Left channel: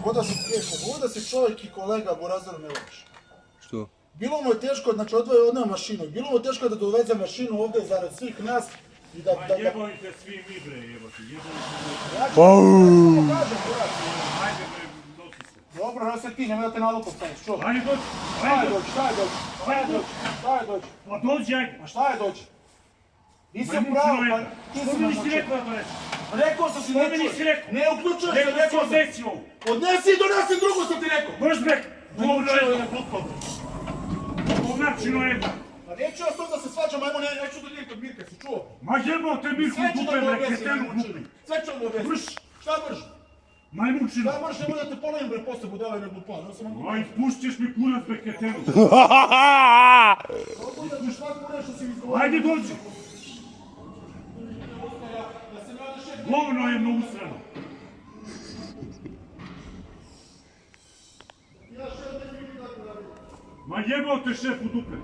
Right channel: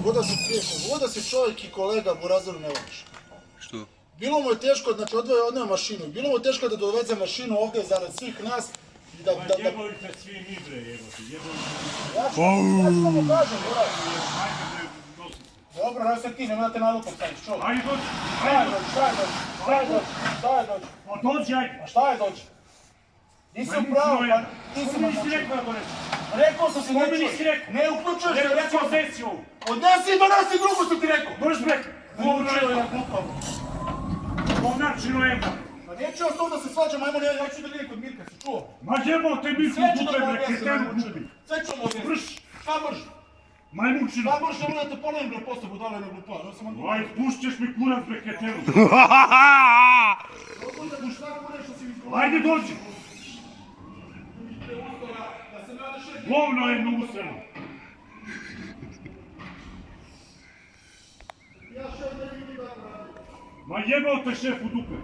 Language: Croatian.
Voda si čovjek i kolega Burazoru ne voliš. Što? Bilo mu je teško, znači odneo mašinu, bilo mu je teško da doveze mašinu ovdje zarad svih nas i da... Jebojte svi mi bre, jebote, jebojte. Ja ću mu kažem, Buraz. Ajde bre, nosi se. Dobro, ne sad ti, nemoj da te nalupom staviš, čovjek. Ajde dođi, Šta je doći, šta je doći, šta je doći, šta je doći? Pa dođi, ajde. A šta je doći? Nisi u pravu, pa ti si mi nam nisi način. rekao da donesi. Rekao sam si To mi neću. nisi rekao. Ne uključuješ se, Rekao rekao ću sam. odnesi ovu. Odnesi i donesi drugu sam ti rekao. Brž bre, Govno je govno glupav. Govnačino je. Pa neću ja s tom da se svađam, ajmo, ja ću da vidim kod Mirka, si čuo? Ma jebote, mi smo Sve ću dupe da mu bre, odnesim, kretenu majmunčinu. dupi. Sve ću mu odnesim. Brž. Šta brž? Majmunčino. Šta brž, nemoj da te polovim bre, posle budale ne glupav. Aj, pušćeš mi kurac bre, kretenu. Ajde dođi. Govno je na usrano. Ma jebao te šef u dupe.